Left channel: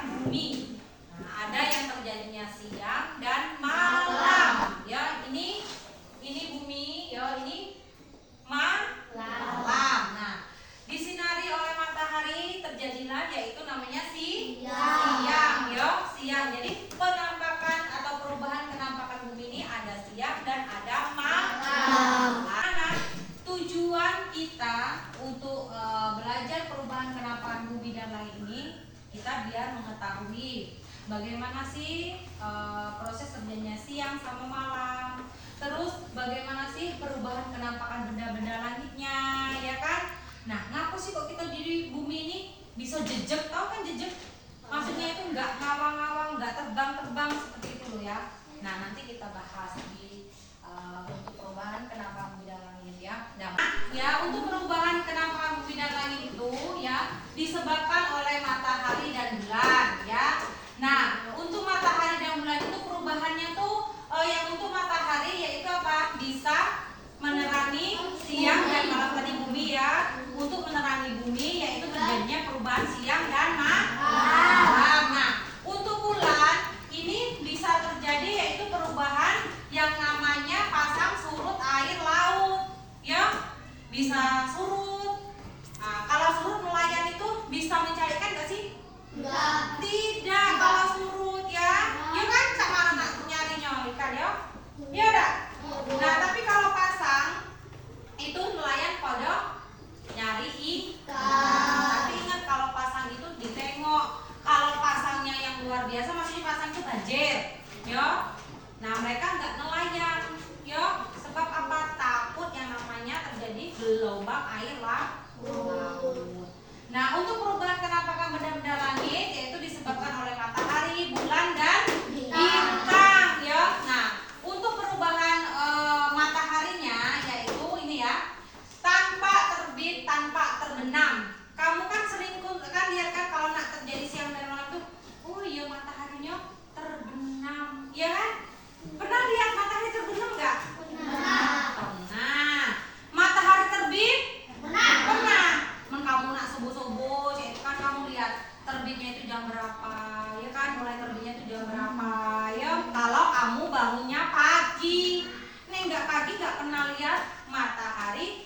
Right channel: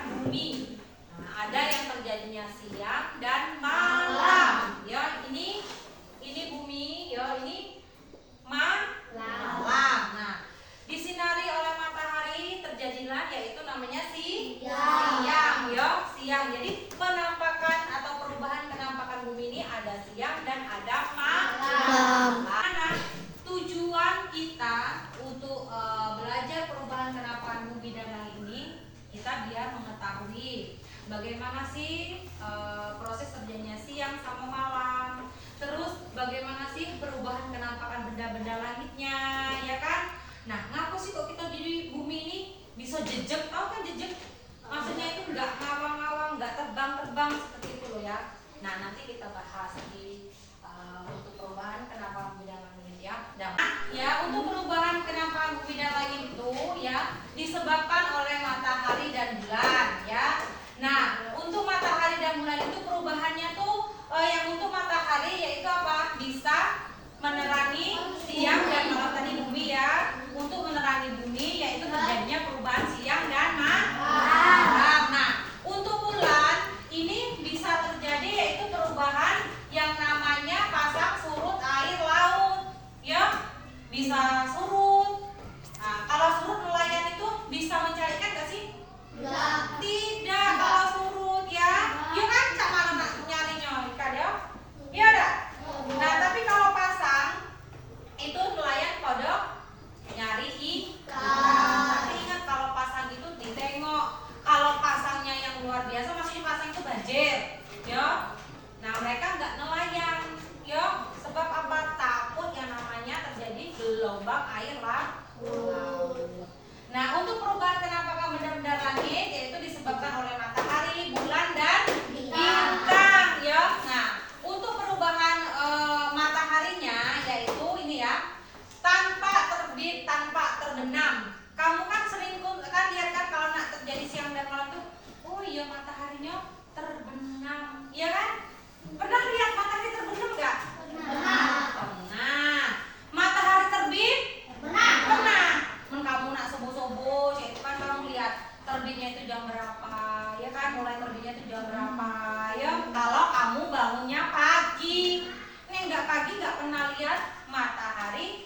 penampakan bumi. Nah, ada yang terjadinya siang dan malam. Ya, ini bumi, ya ini malam. Nah, disinari oleh matahari terjadilah yaitu namanya siang, ya, siang. Jadi penampakan atau perubahan penampakan bumi ini ada siang dan ada malam. Nah, tujuan kita untuk belajar perubahan penampakan bumi dan langit ini kita biar mengetahui bagaimana sih proses terjadinya siang sama malam. Terus bagaimana sih perubahan penampakan benda-benda langitnya, ya kan? Nah, ngapa sih kok kita di bumi ini bisa jejak? Tahu kan jejak? Maksudnya itu nggak ngawang-ngawang, nggak terbang-terbang seperti itu loh ya. Nah, nanti kita bahas di untuk perubahan penampakan bumi dan langit ya. Nah, ya untuk perubahan penampakan bumi dan langit itu ya disebabkan oleh matahari dan bulan ya. Nah, untuk matahari dan bulan itu perubahannya tuh yang untuk matahari yaitu apa? Bisa menerangi siang dan malam tadi bumi ya. Untuk menerangi bumi yaitu terjadinya perubahan siang dan malam. Nah, untuk bulan ini bisa terjadi yaitu perubahan yang namanya pasang surut air laut. Ya, bisa surut. Nah, kalau surut nelayan itu bisa mencarikan nggak sih? Enggak. Tidak kalau surut ya. Ya kan cak mana nyarinya ikan ya? Iya enggak? Nah, tapi kalau pasang itu nelayan pada nyari ikan. Tapi ingat kalau pasang itu ditengok. Kalau pasangnya yang luar biasa maksudnya pasang itu banjir, ya. Nah, mereka nggak nelayan, ya. Sebab apa? Takut yang namanya terjadi gelombang air laut. Nah, untuk perubahan penampakan benda-benda langit yaitu disebabkan oleh matahari, bulan dan bintang, ya. Nah, untuk perubahan mataharinya yaitu ini ya, tanpa terbit, tanpa terbenam. Kamu kan sering kan lihat kan kalau nak terjadi siang dan malam tuh, oh iya mataharinya terbenam, ya kan? Pernah lihat matahari terbenam nggak? Pernah. Matahari terbit? Pernah. Kamu nak subuh-subuh, itu kan kamu lihat terbitnya itu jam berapa, ya kan? Mulai terbitnya itu jam berapa, ya? Kalau kamu bangunnya pagi, nih nggak pagi nggak pernah lihat matahari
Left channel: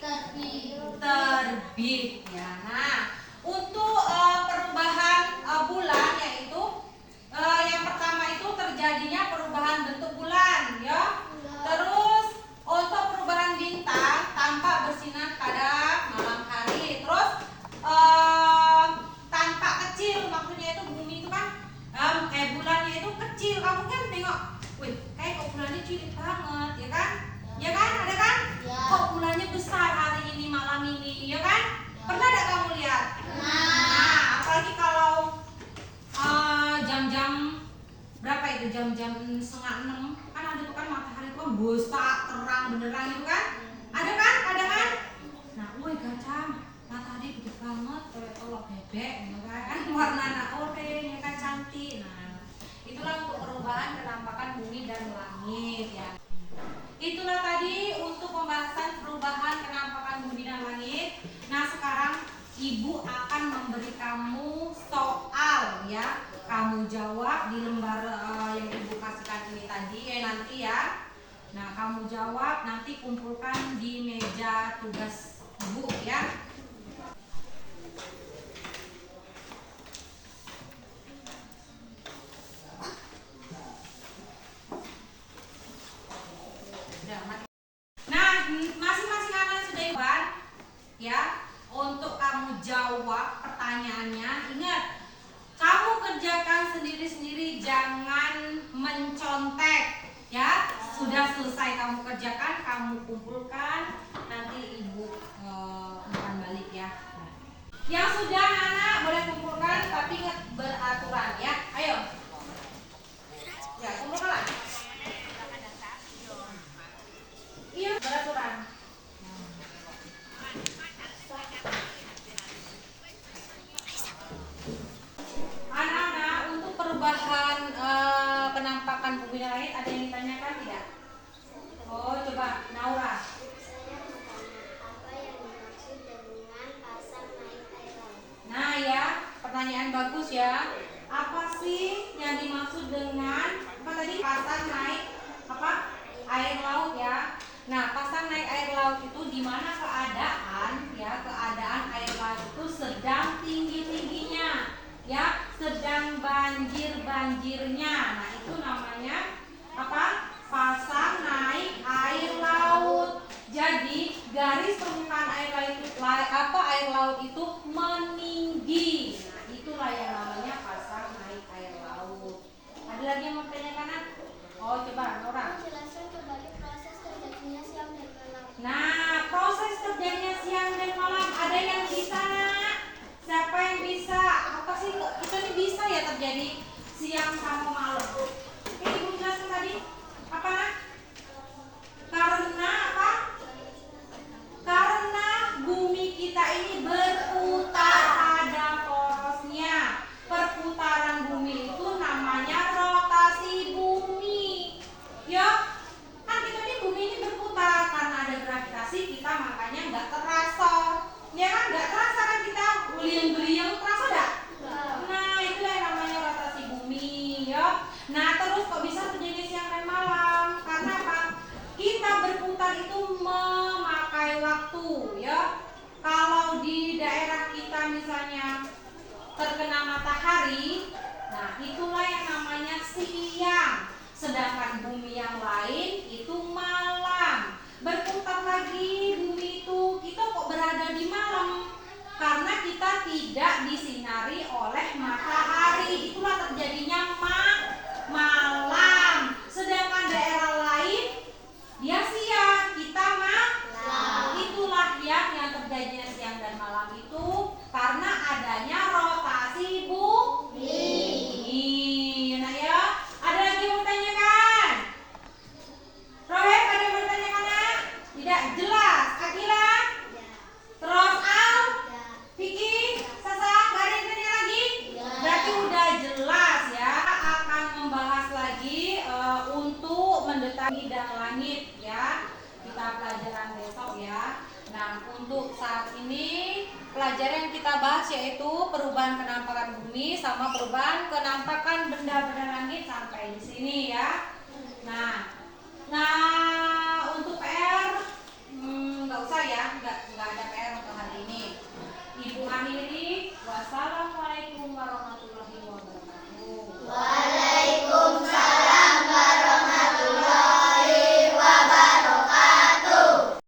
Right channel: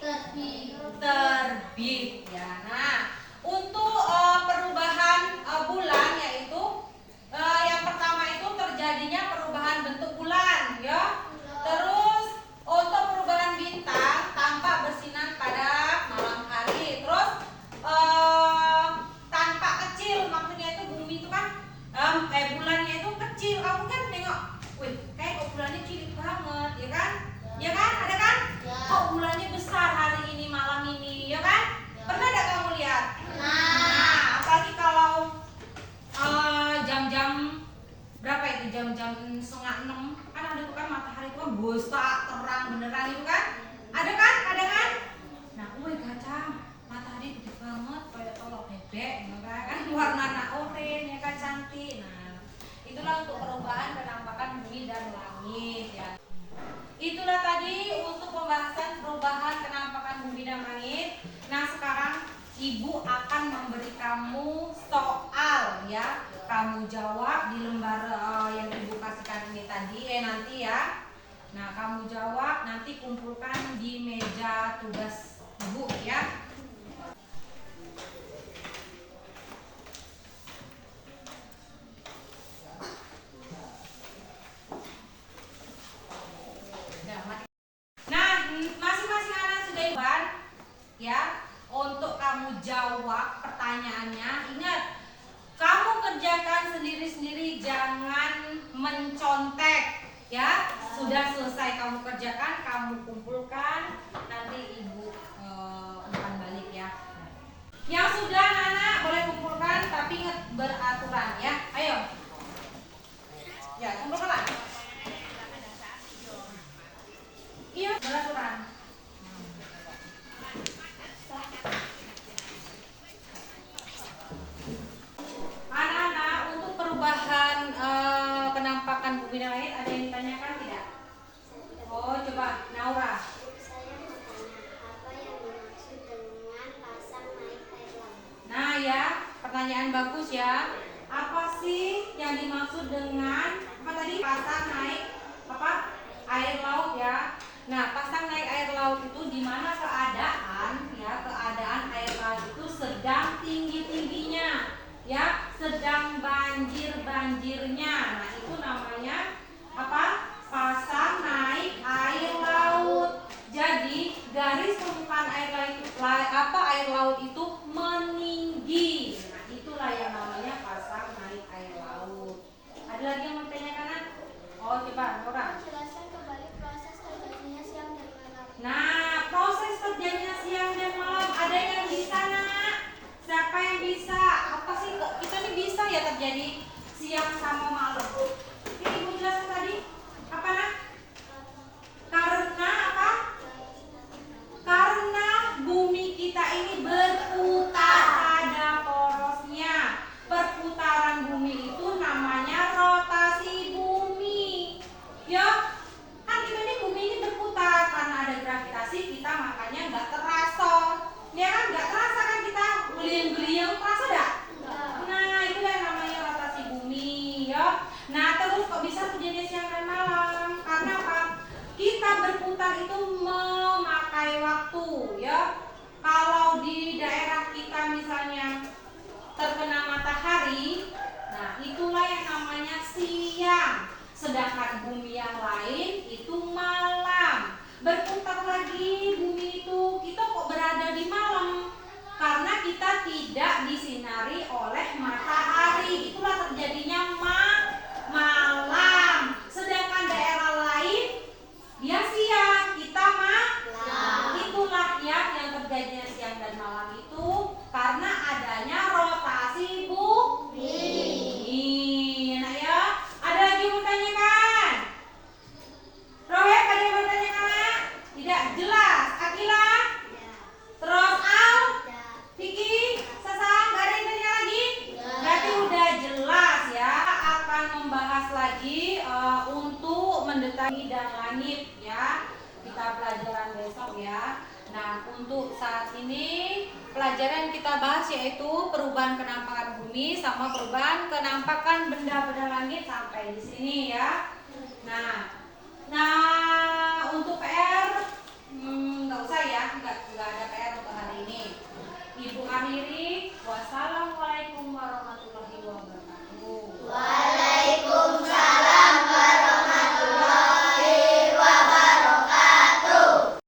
terbit, ya. Nah, untuk perubahan bulan yaitu yang pertama itu terjadinya perubahan bentuk bulan, ya. Terus untuk perubahan bintang tampak bersinar pada malam hari. Terus tanpa kecil, maksudnya itu bumi itu kan kayak bulannya itu kecil. Kamu kan tengok, wih, kayak kok bulannya cilik banget, ya kan? Ya kan, ada kan? Ya. Kok bulannya besar hari ini, malam ini, ya kan? Pernah gak kamu lihat? Nah, apalagi kalau jam-jam berapa itu? Jam-jam 5:30 kan ada tuh kan matahari itu kan besar, terang beneran itu kan? Ada kan? Ada kan? Nah, wih gacang, matahari gede banget kayak telur bebek, ya kan? Warna oranye, ya kan, cantik. Nah, itulah untuk perubahan penampakan bumi dan langit ya. Itulah tadi untuk pembahasan perubahan penampakan bumi dan langit. Nah, sekarang Ibu akan memberi kamu soal ya. Kamu jawab di lembar yang Ibu kasihkan ini tadi nanti ya. Nah, kamu jawab nanti kumpulkan di meja tugas Ibu ya. Nah, masing-masing anak sudah jawab ya. Untuk kamu jawab pertanyaannya, ingat kamu kerjakan sendiri-sendiri, jangan mencontek ya. Sudah selesai kamu kerjakan, kamu kumpulkan, nanti Ibu umpan balik ya. Yang sudah anak boleh kumpulkan, tapi ingat beraturan ya. Ayo ya, kumpulkan. Iya, beraturan. Anak-anak, untuk perubahan penampakan bumi dan langit ada yang ditanyakan tidak? Oh, coba Naura. Saya mau tanya apa yang dimaksud dengan pasang naik air laut? Nah ya, pertanyaan bagus ya. Apa mana keadaan air laut itu sedang tinggi-tingginya, ya, sedang banjir-banjirnya. Nah, itu namanya apa? Pasang naik air laut. Jadi garis permukaan air laut itu meninggi. Nah, itulah yang namanya pasang naik air laut. Ada lagi yang mau tanyakan? Oh, coba Nora. Jelaskan kembali proses terjadinya siang dan malam. Nah, proses terjadinya siang dan malam, ada yang bisa, Nak? Siapa yang bisa? Apa sih kok kita nih bisa ya terjadi siang sama malam? Ini Ibu jelasin tadi. Apa, Nak? Karena apa? Karena bumi kita ini berputar, ada porosnya. Perputaran bumi itu namanya rotasi bumi. Ya, kan kita nih bumi ini berputar karena ada gravitasi, kita makanya nggak terasa. Ya kan, nggak terasa kan kita geliang-geliang, terasa nggak? Nah, itu yang namanya rotasi bumi, ya. Nah, terus kok bisa terjadi siang dan malam? Karena apa? Kita berputar itu memakai waktu, ya. Kalau di daerah kita misalnya terkena matahari, nah itulah yang namanya siang. Sedangkan bumi yang lain itu malam. Berputar lagi bumi itu, kita kok berada di malam? Karena kita tidak disinari oleh matahari. Itulah terjadinya malam. Sedangkan daerah lain dia siang, kita malam. Itulah yang terjadinya siang dan malam itu karena adanya rotasi bumi. Nah ya, ada lagi yang mau tanyakan? Rohep, ada yang mau tanyakan, Nak? Tidak jelas. Akila? Terus Al? Vicky? Sasa? Gak ada yang tanya lagi? Berarti udah jelas ya. Akan membahas lagi untuk mendeteksi dan langit ya. Kita pelajaran besok ya. Nah, untuk saat ini pelajaran yang kita bahas yaitu perubahan kenampakan bumi sama perubahan kenampakan benda-benda langit sampai di sini ya. Nah,